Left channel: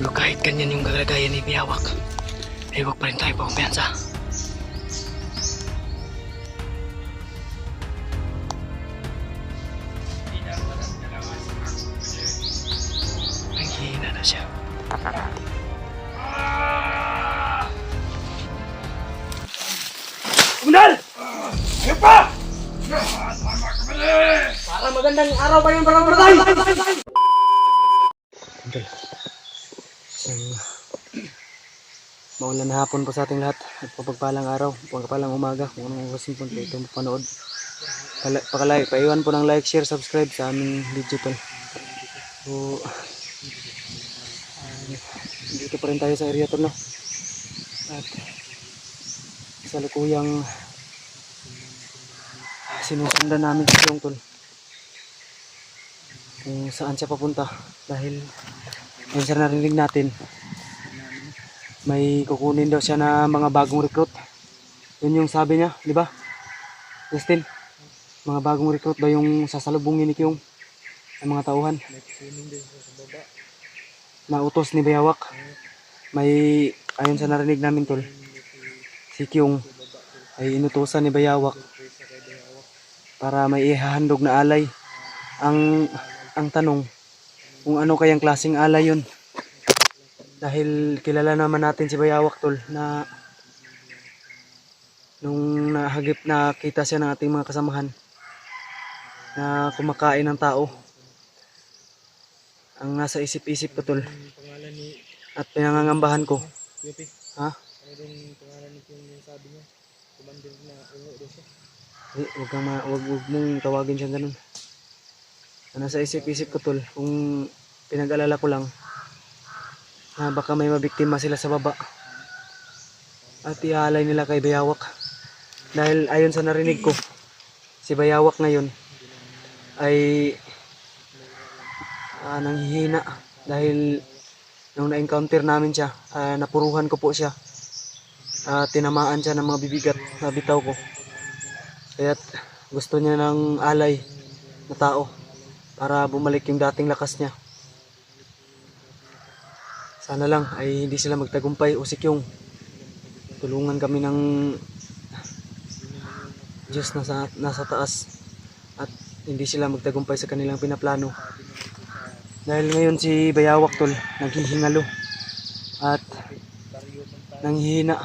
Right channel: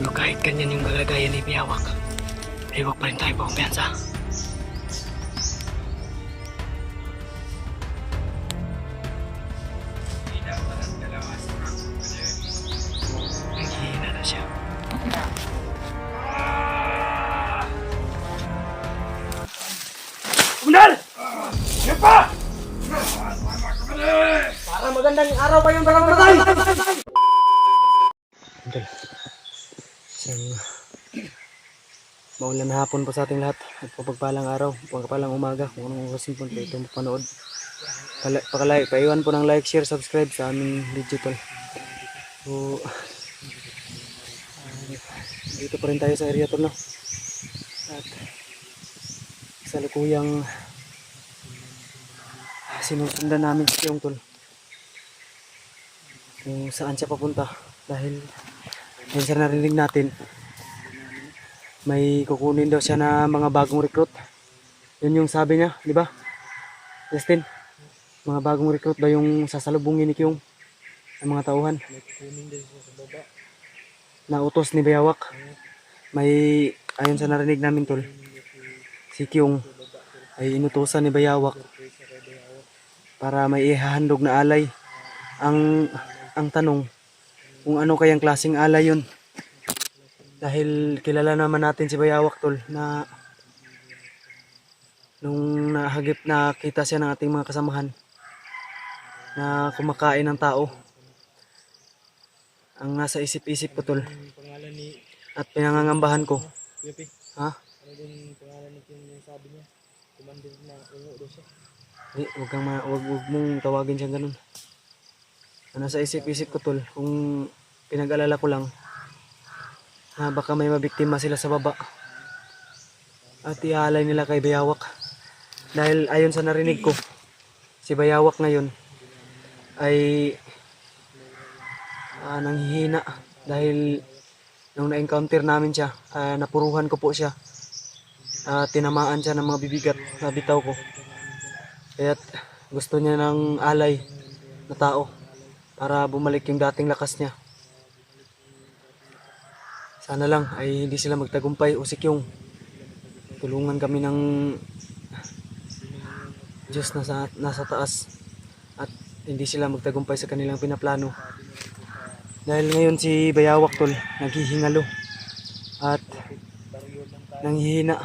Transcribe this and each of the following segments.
Pero kahit ganyan yung kalagayan ni Biyawak, ay huwag pa rin tayo pagkumpiyansa. Nanghihina na siya. Komunal! Sige pa! Parang magandang araw pa yung barangay! Komunal, isang maulan na hapon po sa ating lahat at pagpalang araw, pagpalang umaga kung anong oras po ito mapanood. Paiwan po ng like, share, subscribe sa aming video tol. So, dito pa rin tayo sa area tol, no? At salukuyang sinusundan namin si Yung tol kung saan siya papunta, dahil yun sa narinig natin may kukunin daw siya na mga bagong recruit. Yun yung sabi niya, di ba Justin? Mga bagong recruit daw yung sasalubungin ni Kyung ng mga tauhan na utos ni Bayawak. May ayon sa narinig namin tol, si Kyung ay inutusan ni Bayawak para may ihahandog na alay. Ang tanong, kung ano kayang klaseng alay yun, dahil kilala naman natin si Bayawak tol, na nung nakita siya ng ating mga kasamahan na kumakain ng tao, ang nasa isip-isip ko tol at pinangangambahan ko, ha? Wag mong tawagin siya ganun. Ang nasa isip-isip ko tol, kung pinag-alala ko lang na baka may mabiktima sila sa baba at ihalay nila kay Bayawak. Dahil ayon sa narinig ko, si Bayawak ngayon ay nanghihina dahil nung na-encounter namin siya, napuruhan ko po siya, tinamaan siya ng mga bibigat na bitaw ko, kaya't gusto niya ng alay na tao para bumalik yung dating lakas niya. Sana lang ay hindi sila magtagumpay o si Kyung, tulungan kami ng Diyos nasa taas at hindi sila magtagumpay sa kanilang pinaplano. Dahil ngayon si Bayawak tol naghihingalo at nanghihina.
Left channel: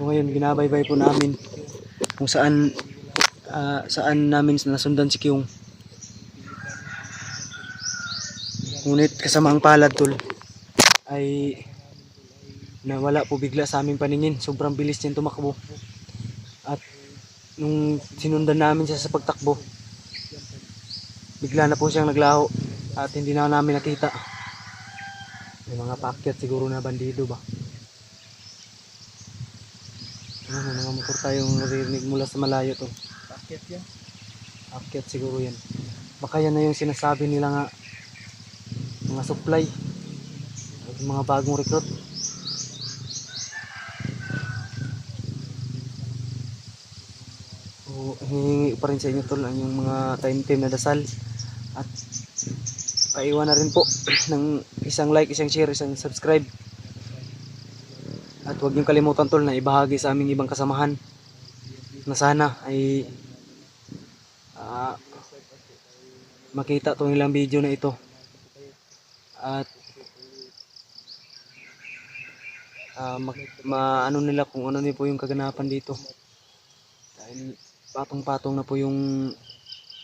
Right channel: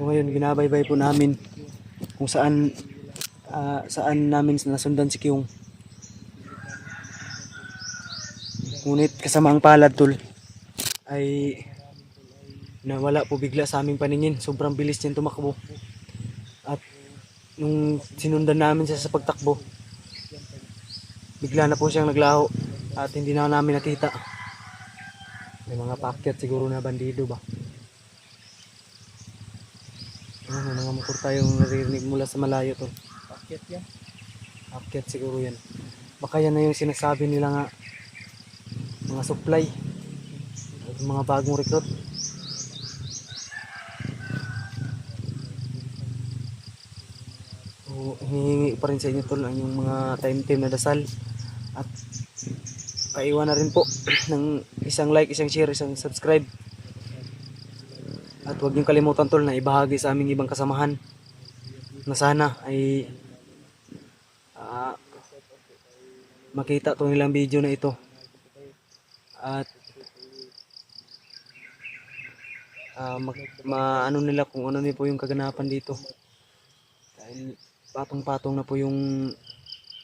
So ngayon binabaybay po namin kung saan namin nasundan si Kyung. Ngunit kasama ang palad tol ay nawala po bigla sa aming paningin. Sobrang bilis niya tumakbo. At nung sinundan namin siya sa pagtakbo, bigla na po siyang naglaho at hindi na namin nakita. May mga paakyat siguro na bandido ba? May mga motor tayong naririnig mula sa malayo tol. Paakyat yan? Paakyat siguro yan. Baka yan na yung sinasabi nila nga mga supply at mga bagong recruit. So, hinihingi pa rin sa inyo tol ang yung mga time na dasal at paiwan na rin po ng isang like, isang share, isang subscribe. At huwag niyong kalimutan tol na ibahagi sa aming ibang kasamahan na sana ay makita itong ilang video na ito at maano nila kung ano nila po yung kaganapan dito, dahil patong-patong na po yung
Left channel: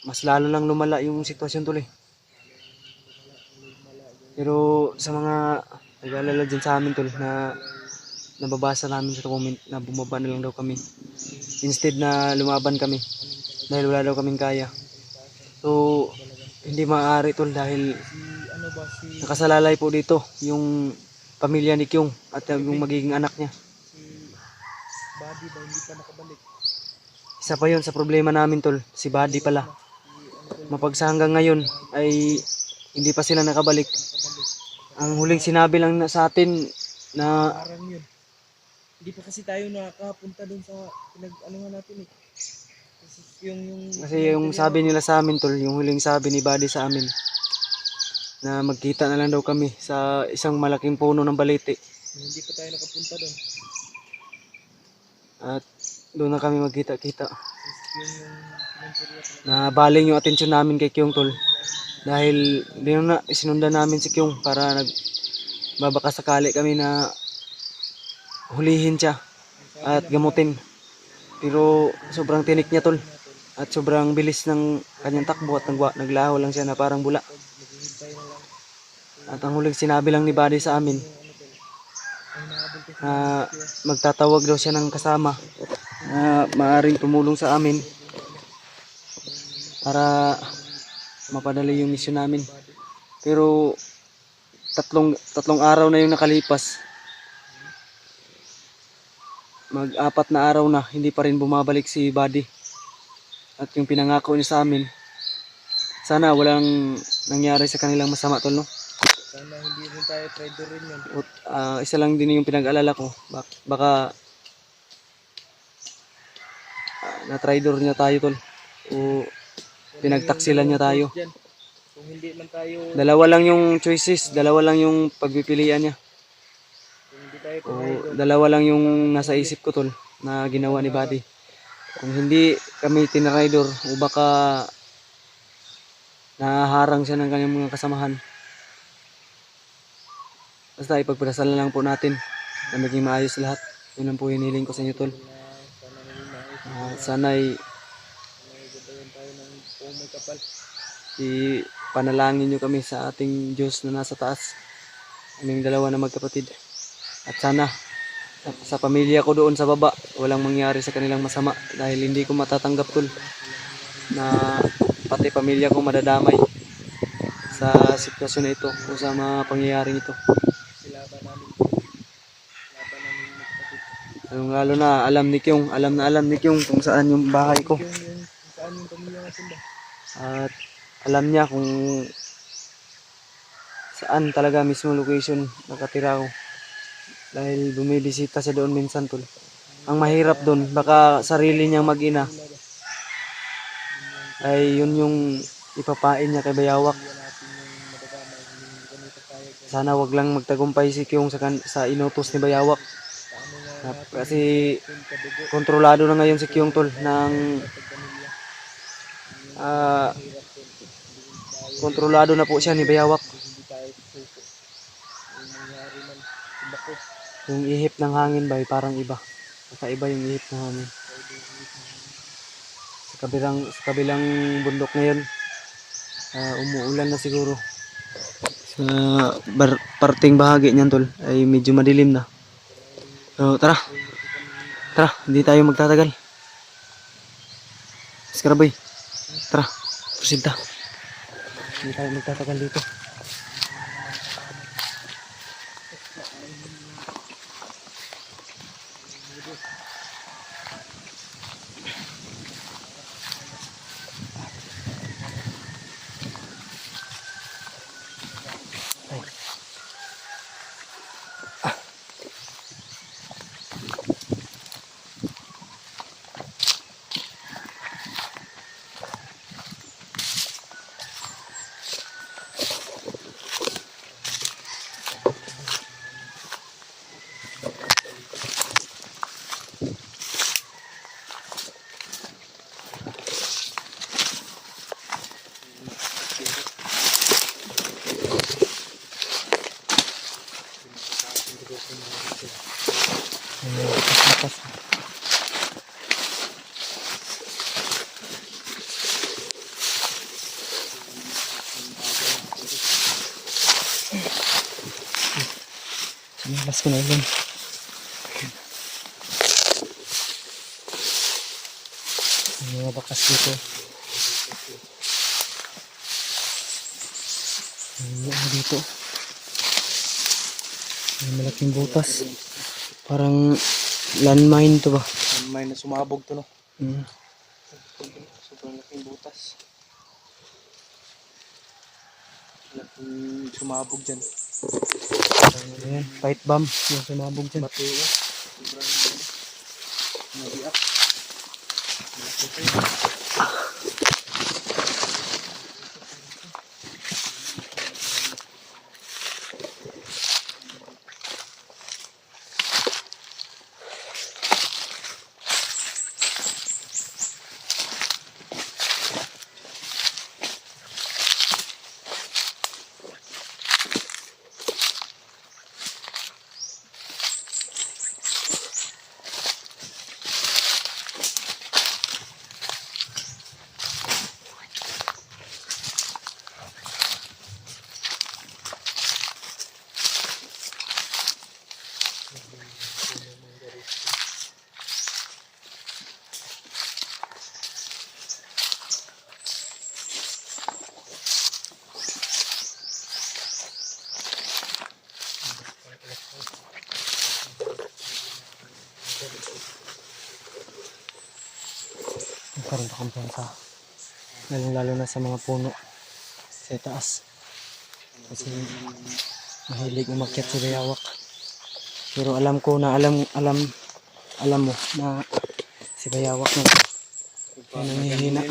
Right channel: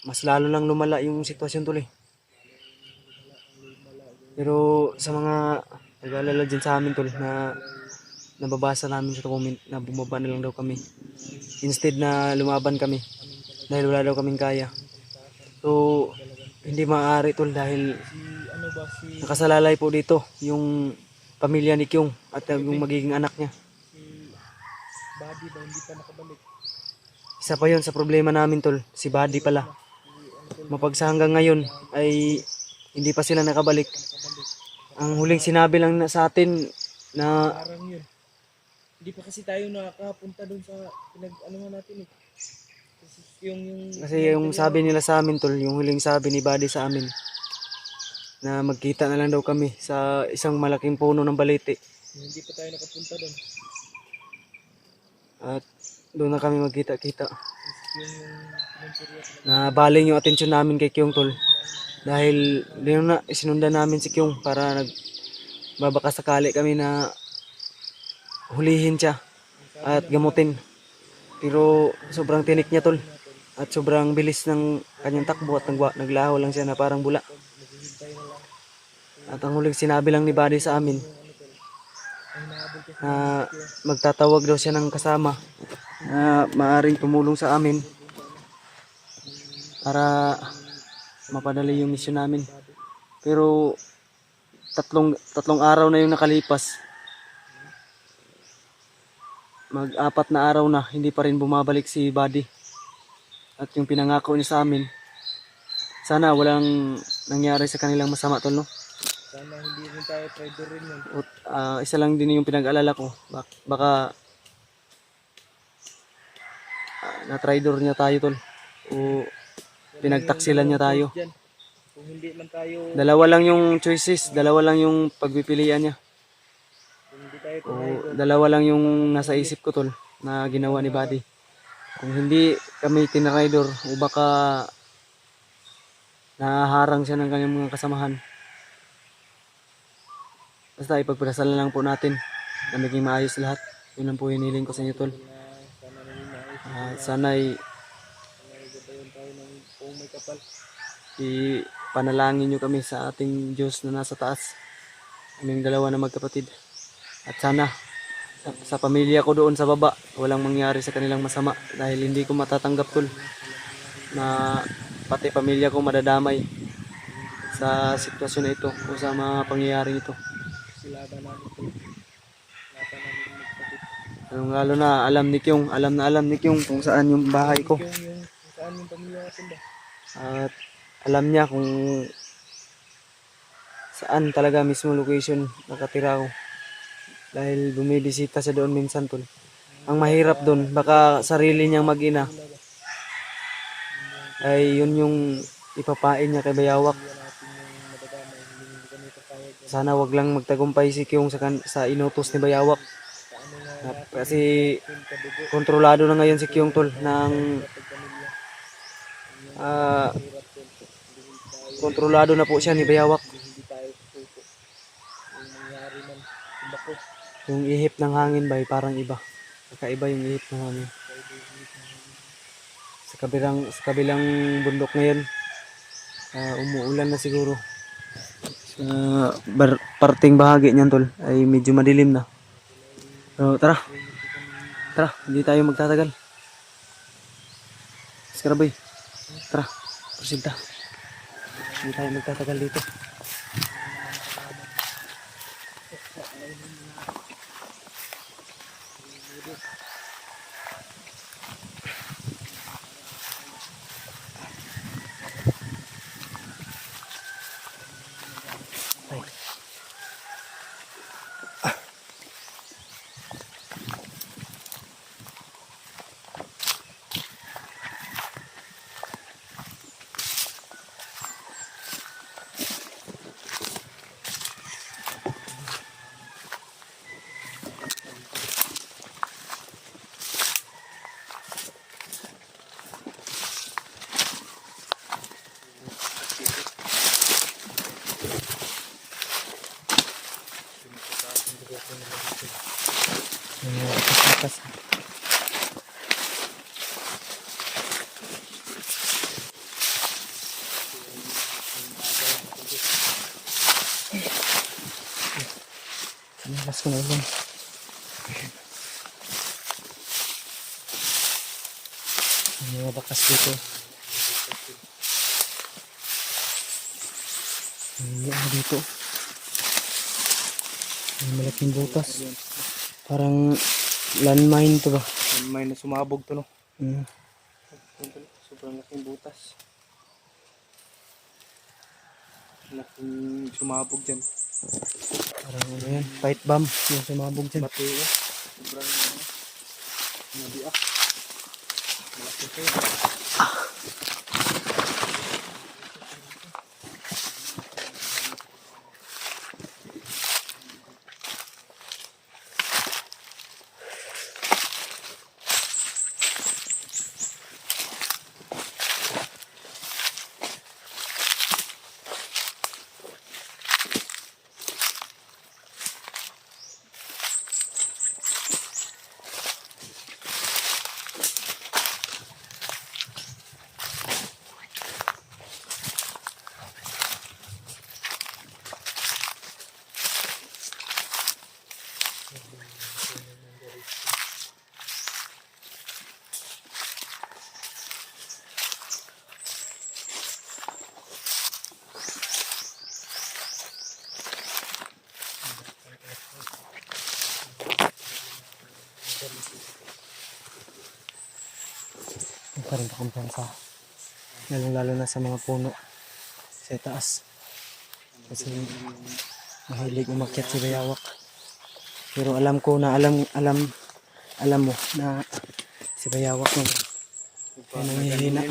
mas lalo lang lumala yung sitwasyon tuloy. Pero sa mga nag-aalala dyan sa amin tol, na nababasa namin sa comment na bumaba na lang daw kami instead na lumaban kami dahil wala daw kaming kaya. So hindi maaari tol, dahil nakasalalay po dito yung pamilya ni Kyung at yung magiging anak niya. Isa pa yun sa problema namin tol, si Buddy pala. Mapagsa hanggang ngayon ay hindi pa sila nakabalik. Ang huling sinabi lang sa atin na hindi pa kasi tayo nakapunta doon sa pinag-anuhan natin eh. Kasi yung sabi nila sa amin tol, yung huling sabi ni Buddy sa amin na magkita na lang daw kami sa isang malaking puno ng balete. Hindi pa tayo nakapunta doon. At doon na kami magkita-kita. Yung pinunturya Na baling yung atensyon namin kay Kyung tol. Dahil sinundan namin si Kyung para nagbabaka sakali kami na hulihin siya at gamutin. Pero sobrang tinik niya tol. At sobrang bilis ng kanyang takbo at naglaho lang siya na parang bula. At ang huling sinabi lang ni Buddy sa amin na magtatawag daw siya ng kasama na maaring tumulong sa amin para mapadali yung misyon namin. Pero tatlong araw na yung nakalipas. Mag-4 na araw na hindi pa rin bumabalik si Buddy. At yung pinangako niya sa amin, sana walang nangyari sa kanilang masama tol, no? Sana hindi rin tayo traitor rin yun. Isa lang din yung pinag-alala ko. Baka na-traitor niya tayo tol. O pinagtaksilan niya tayo. Kung hindi man tayo, Dalawa lang yung choices, dalawa lang yung pagpipilian niya. kung hindi tayo O traitor, dalawa lang yung nasa isip ko tol na ginawa ni Buddy. Kung hindi kami tinraidor o baka nahaharang siya ng kanyang mga kasamahan. Basta ipagpasal na lang po natin na maging maayos lahat. Yun lang po hiniling ko sa inyo tol. sana naging maayos. Sana'y Nagagabayan tayo ng kung may kapal. ipanalangin nyo kami sa ating Diyos na nasa taas. Kaming dalawa na magkapatid. At sana sa pamilya ko doon sa baba, walang mangyari sa kanilang masama dahil hindi ko matatanggap tol na pati pamilya ko madadamay sa sitwasyon na ito o sa mga pangyayaring ito. Laban namin magkapatid. Lalo na alam ni Kyung kung saan yung bahay ko. Kung saan yung pamilya natin ba? At alam niya kung saan talaga mismo location nakatira ko. Dahil bumibisita siya doon minsan tol. Ang mahirap doon, baka sarili niyang mag-ina ay yun yung ipapain niya kay Bayawak. Sana wag lang magtagumpay si Kyung sa inutos ni Bayawak. Kasi kontrolado na ngayon si Kyung tol ng kontrolado na po siya ni Bayawak. Yung ihip ng hangin ba parang iba. Kakaiba yung ihip ng hangin. Sa kabilang bundok ngayon, umuulan na siguro. Sa parting bahagi niyan tol ay medyo madilim na. So tara, hindi tayo magtatagal. Skaraboy, tara, proceed ta. Hindi tayo magtatagal dito. Lakas. Lakas ko na yun. May mga bakas dito. May ano dito. May malaking butas. Parang landmine to ba? May na sumabog to no. Sobrang laking butas. Laking sumabog dyan. Parang ano yan? Pipe bomb yung sumabog dyan. Mateo. Sobrang nabiak. Malaki to. pa rin kumpiyansa. Lalong-lalo na sa mga puno sa taas. Kasi mahilig umakyat si Bayawak. Pero alam ko na alam mo na si Bayawak no. Ay nanghihina.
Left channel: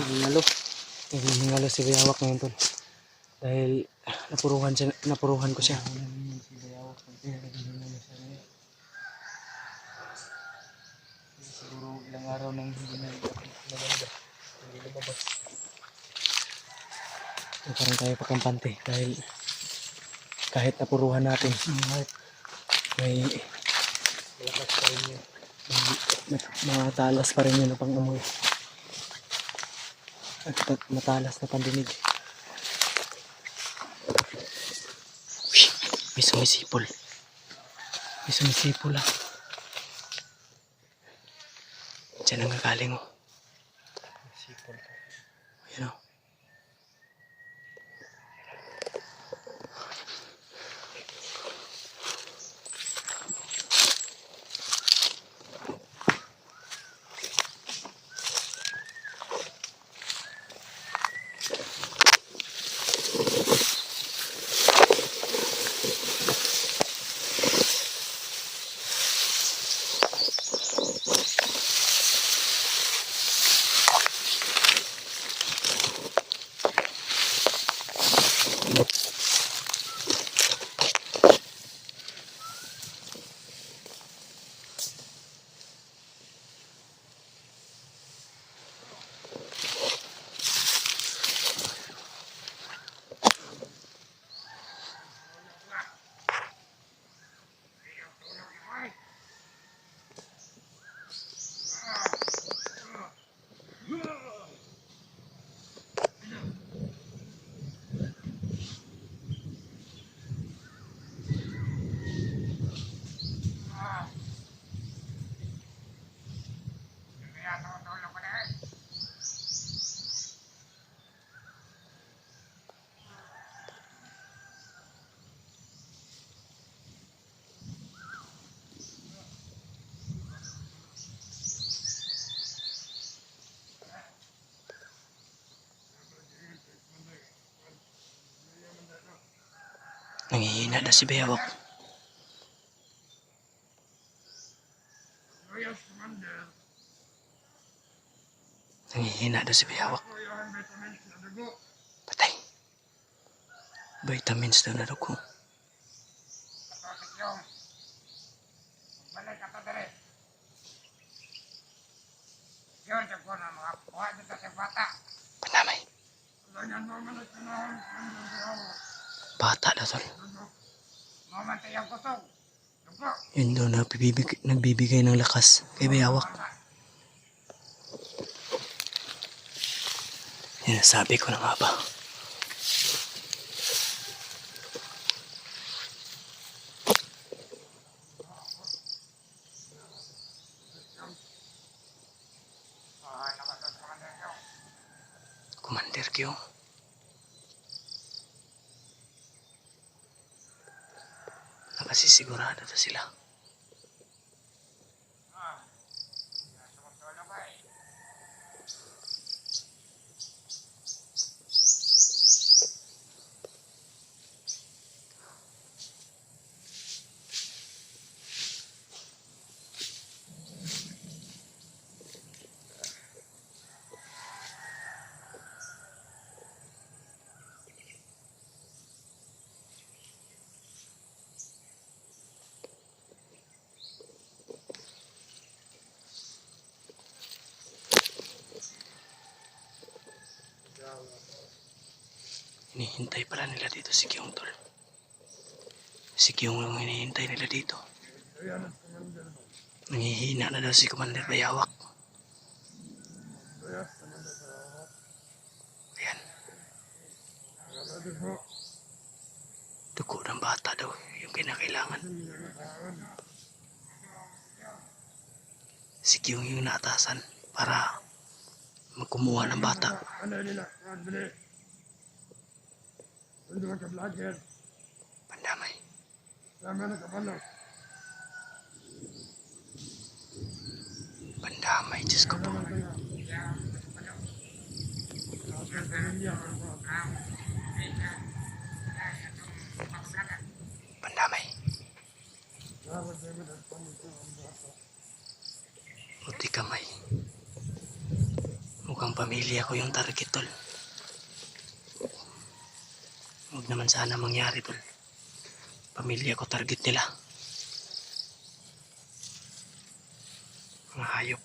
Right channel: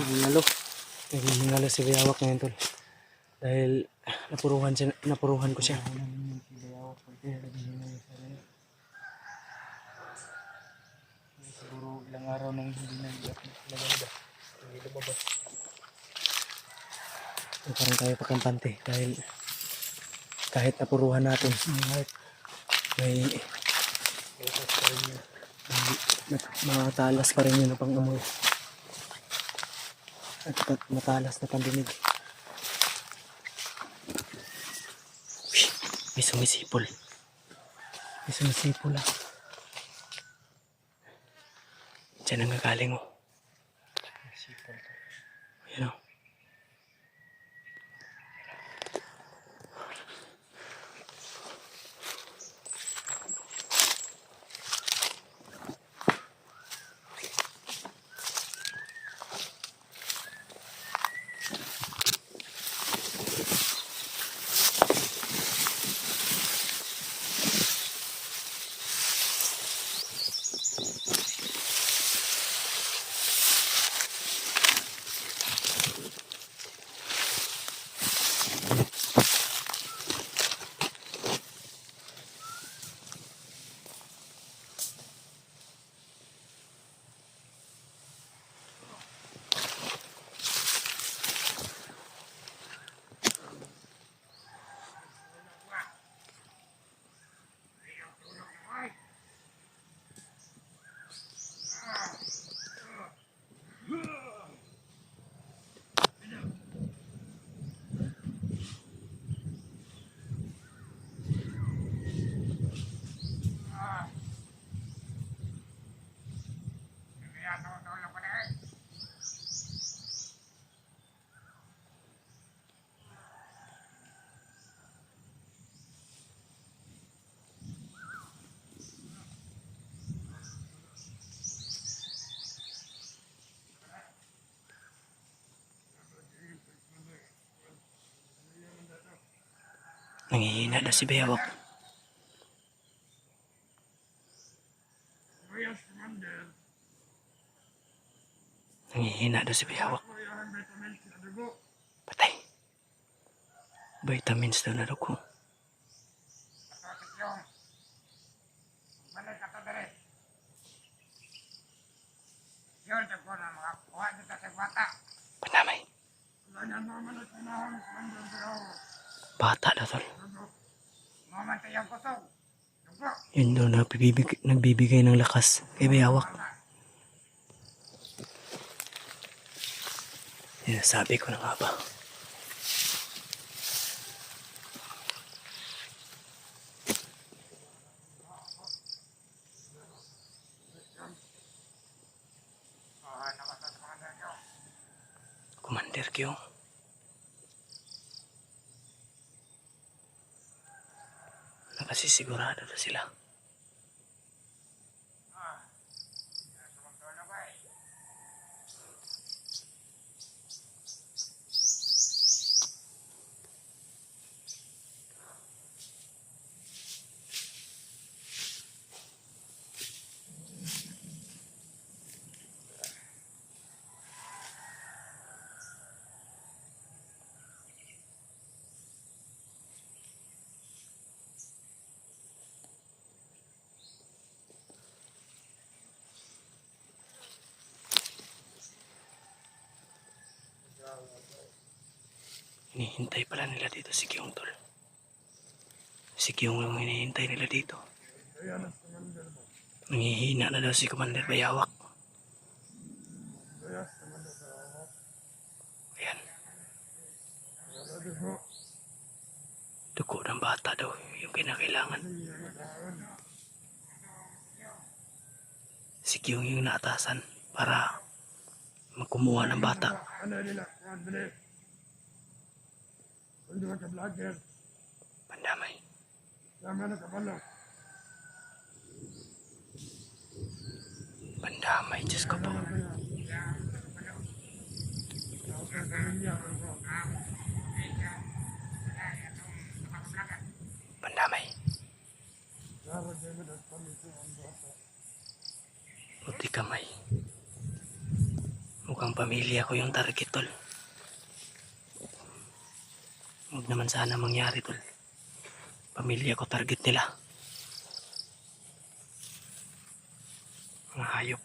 Naghihingalo si Bayawak ngayon tol. Dahil napuruhan ko siya. Siguro ilang araw nang hindi nalabas. So, parang tayo pakampante dahil kahit napuruhan natin may Malakas pa rin yun. matalas pa rin yun ang pang-amoy at matalas na pandinig. Uy, may sumisipol ah. Diyan ang gagaling oh. Ayan oh. Nanghihina na si Bayawak. Nanghihina na si Bayawak. Patay. Vitamins daw na dugo. Panamay. Bata daw tol. Yun daw nagbibigay ng lakas kay Bayawak. Yan sabi ko na nga ba. Commander Kyo. Nakasisigurado na sila. Hinihintay pala nila dito si Kyung tol. Si Kyung yung hinihintay nila dito. Nanghihina na daw si Commander Bayawak. Ayan. Dugo ng bata daw yung kinakailangan. Si Kyung yung naatasan para magkumuha ng bata. Pandamay. Pandamay, Diyos ko po. Pandamay. Puti kamay. Mukhang pamilya ko yung target, tol. Huwag naman sana mangyari, tol. Pamilya ko target nila. Mga hayop.